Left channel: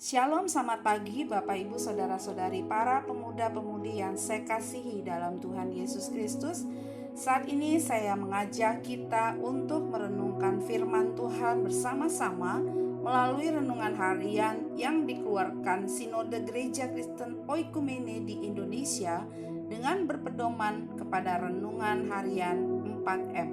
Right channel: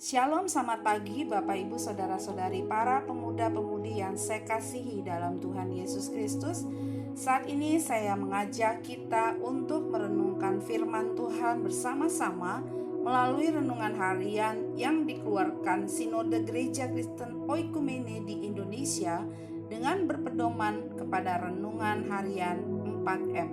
Shalom, selamat pagi Bapak Ibu Saudara-saudari para pemuda-pemudi yang saya kasihi dalam Tuhan Yesus Kristus. Saat ini saya mengajak kita untuk merenungkan firman Tuhan bersama-sama melalui renungan harian yang dikeluarkan Sinode Gereja Kristen Oikumene di Indonesia dengan berpedoman kepada renungan harian 4M.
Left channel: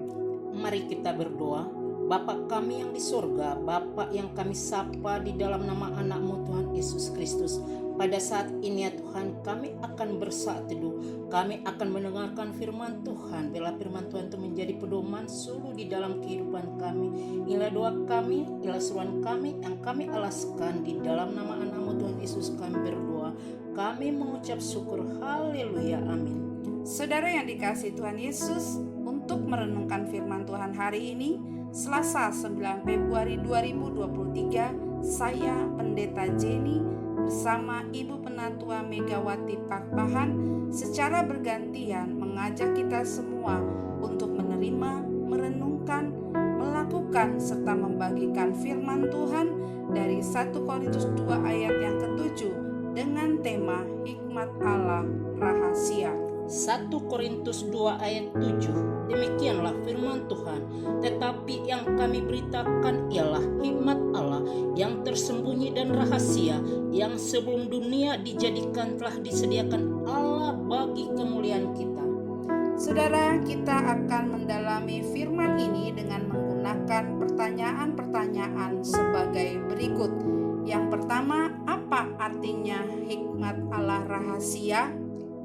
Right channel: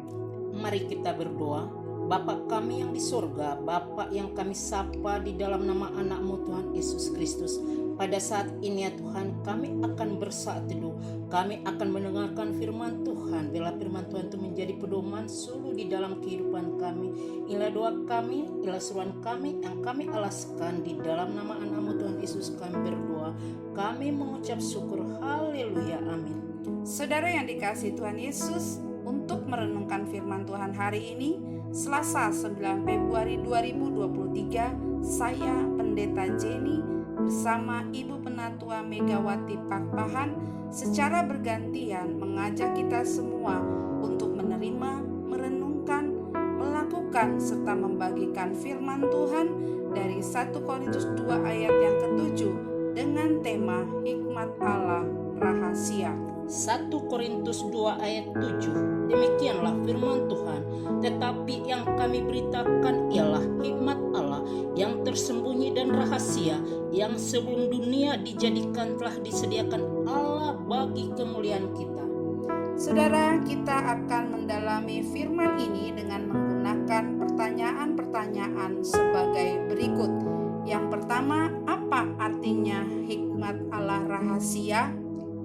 Mari kita berdoa. Bapa kami yang di surga, Bapa yang kami sapa di dalam nama anak-Mu Tuhan Yesus Kristus. Pada saat ini ya Tuhan, kami akan bersaat teduh. Kami akan mendengarkan firman Tuhan. Bila firman Tuhan itu menjadi pedoman suluh di dalam kehidupan kami. Inilah doa kami, inilah seruan kami yang kami alaskan di dalam nama anak-Mu Tuhan Yesus kami berdoa. Kami mengucap syukur, haleluya, amin. Saudara yang dikasihi Tuhan Yesus, untuk merenungkan firman Tuhan hari ini, Selasa 9 Februari 2023, saya Pendeta Jenny bersama Ibu Penatua Megawati Pakpahan secara bergantian mengajak kita semua untuk menerima, merenungkan, melakukan serta membagikan firman Tuhan dari 1 Korintus 2 ayat yang ke-7 dengan tema Hikmat Allah Rahasia. 1 Korintus 2 ayat 7. Demikianlah firman Tuhan. Tetapi yang kami beritakan ialah hikmat Allah yang tersembunyi dan rahasia, yang sebelum dunia dijadikan telah disediakan Allah bagi kemuliaan kita. Saudara, kita akan mendalami firman ini dengan menggunakan pertanyaan-pertanyaan sebagai berikut. Yang pertama, apa artinya hikmat Allah rahasia?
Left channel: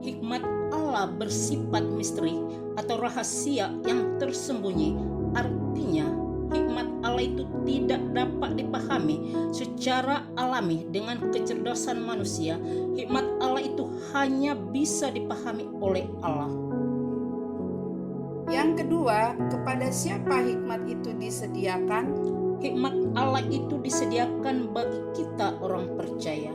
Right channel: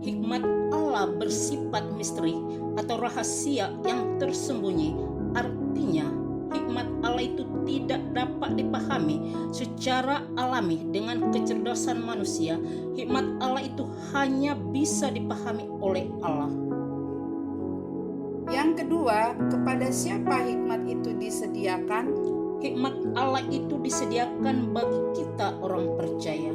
Hikmat Allah bersifat misteri atau rahasia yang tersembunyi. Artinya, hikmat Allah itu tidak dapat dipahami secara alami dengan kecerdasan manusia. Hikmat Allah itu hanya bisa dipahami oleh Allah. Yang kedua, kepada siapa hikmat itu disediakan? Hikmat Allah itu disediakan bagi kita orang percaya.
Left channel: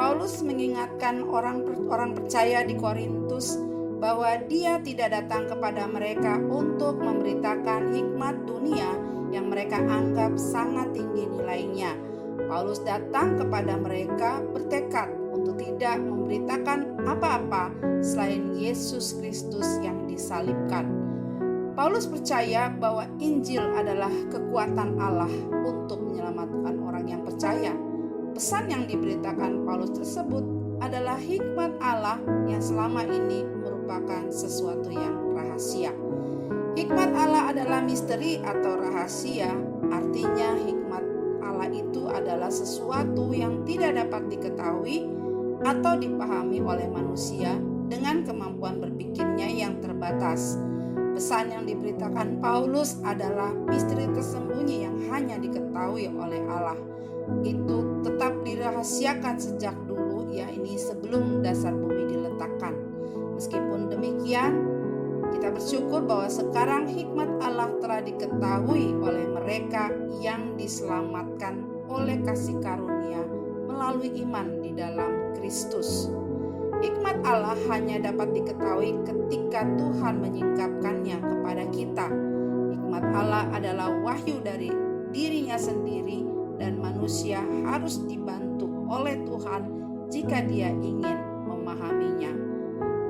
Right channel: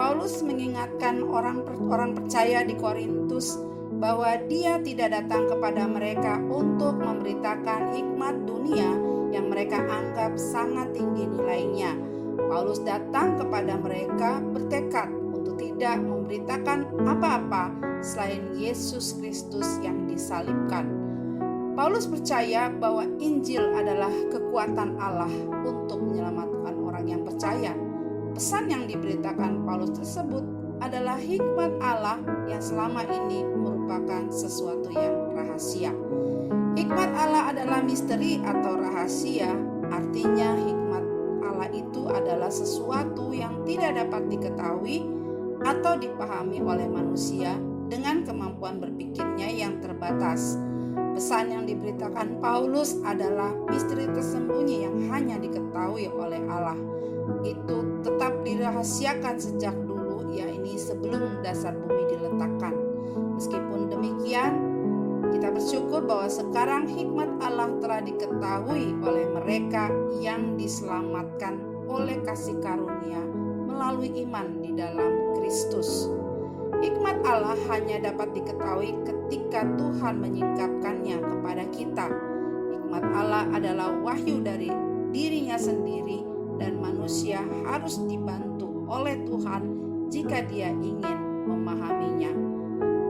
Paulus mengingatkan orang percaya di Korintus bahwa dia tidak datang kepada mereka untuk memberitakan hikmat dunia yang mereka anggap sangat tinggi nilainya. Paulus datang kepada mereka bertekad untuk tidak memberitakan apa-apa selain Yesus Kristus yang disalibkan. Paulus percaya bahwa Injil adalah kekuatan Allah untuk menyelamatkan orang yang percaya. Pesan yang diberitakan Paulus tersebut adalah hikmat Allah yang selama ini merupakan sesuatu yang rahasia. Hikmat Allah adalah misteri atau rahasia, artinya hikmat Allah itu adalah sesuatu yang tidak dapat diketahui atau dipahami oleh manusia dengan kemampuan berpikirnya yang terbatas. Pesan yang diberitakan Paulus adalah misteri tersembunyi yang hanya diketahui oleh Allah. Itu tetap dirahasiakan sejak dulu, yakni sebelum dasar bumi diletakkan. Meskipun demikian, kita bersyukur bahwa sekarang hikmat Allah telah diketahui oleh mereka yang diselamatkan oleh kasih karunia melalui iman di dalam Kristus. Hikmat Allah hanya dapat diketahui ketika Tuhan menyingkapkannya kepada kita. Hikmat Allah adalah wahyu dari dirinya sendiri dan manusia harus dibantu oleh Tuhan jika dia ingin memahaminya.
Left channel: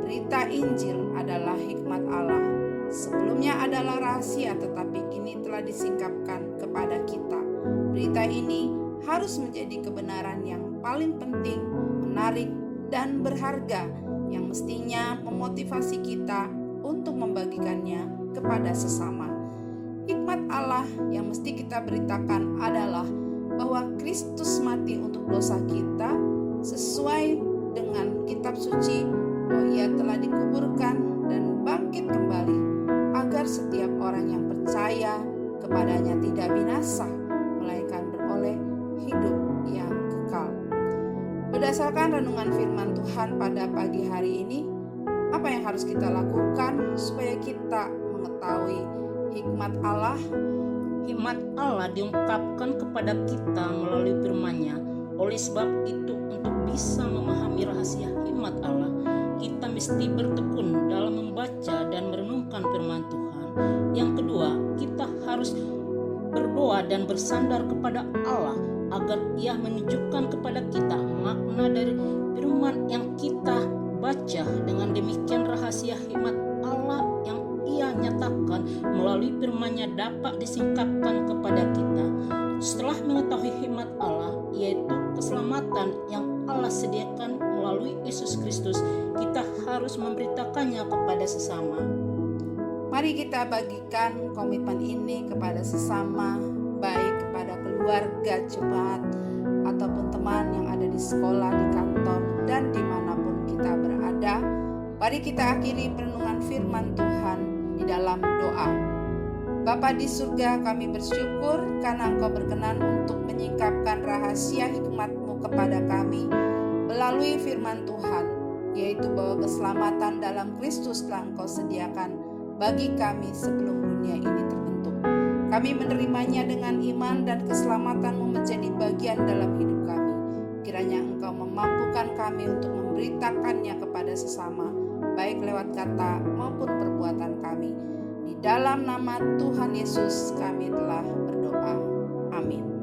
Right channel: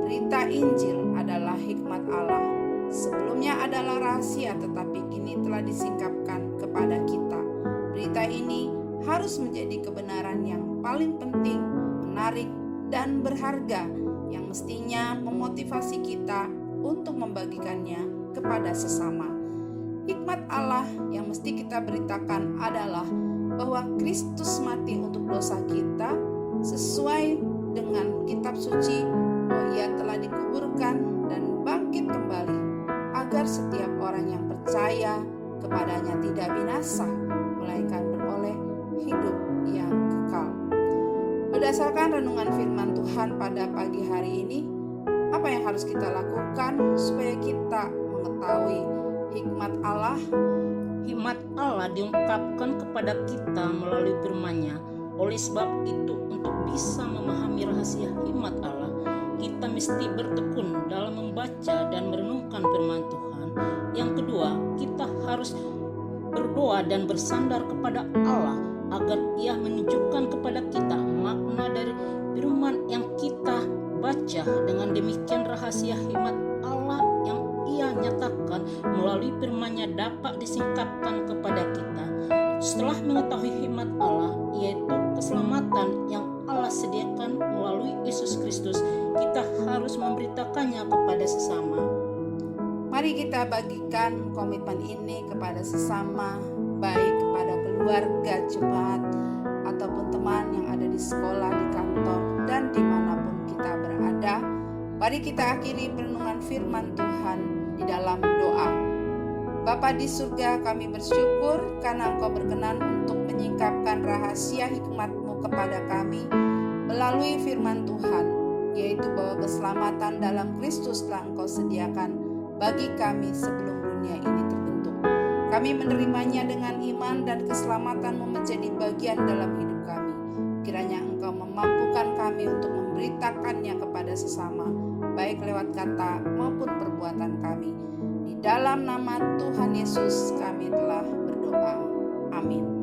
Berita Injil adalah hikmat Allah. Sebelumnya adalah rahasia tetapi kini telah disingkapkan kepada kita. Berita ini harus menjadi kebenaran yang paling penting, menarik, dan berharga yang mestinya memotivasi kita untuk membagikannya kepada sesama. Hikmat Allah yang mesti kita beritakan adalah bahwa Kristus mati untuk dosa kita sesuai dengan kitab suci, bahwa ia telah dikuburkan dan bangkit kembali agar setiap orang yang percaya kepadanya tidak binasa melainkan beroleh hidup yang kekal. Berdasarkan renungan firman Tuhan pada pagi hari ini, apa yang harus kita lakukan supaya kita mengetahui hikmat Allah? Hikmat Allah diungkapkan kepada kita melalui firman-Nya. Oleh sebab itu, untuk bisa memahami rahasia hikmat Allah, kita mesti bertekun dalam membaca dan merenungkan firman Tuhan. Yang kedua, kita harus berdoa dan bersandar kepada Allah agar Ia menunjukkan kepada kita makna dari firman yang kita baca. Dengan demikian rahasia hikmat Allah yang Ia nyatakan melalui firman-Nya dapat disingkapkan kepada kita. Setelah mengetahui hikmat Allah, yaitu keselamatan yang Allah sediakan melalui Yesus Kristus, kita harus memberitakannya kepada sesama. Mari kita bagikan komitmen ini kepada sesama, baik kepada keluarga jemaat ataupun teman yang ada di sekolah, di kantor, dan dimanapun kita berada. Mari kita akhiri perenungan firman Tuhan di dalam doa. Bapa di surga, kami bersyukur karena Engkau berkenan untuk menyingkapkan rahasia hikmat-Mu kepada kami melalui firman Tuhan, yaitu bahwa keselamatan dalam Kristus telah Engkau sediakan bagi kami sebelum dunia ini terbentuk. Kami menerimanya dengan iman dan keselamatan-Mu menjadi bagian dalam hidup kami. Kiranya Engkau memampukan kami untuk memberitakannya kepada sesama, baik lewat kata maupun perbuatan kami. Di dalam nama Tuhan Yesus kami telah berdoa. Amin.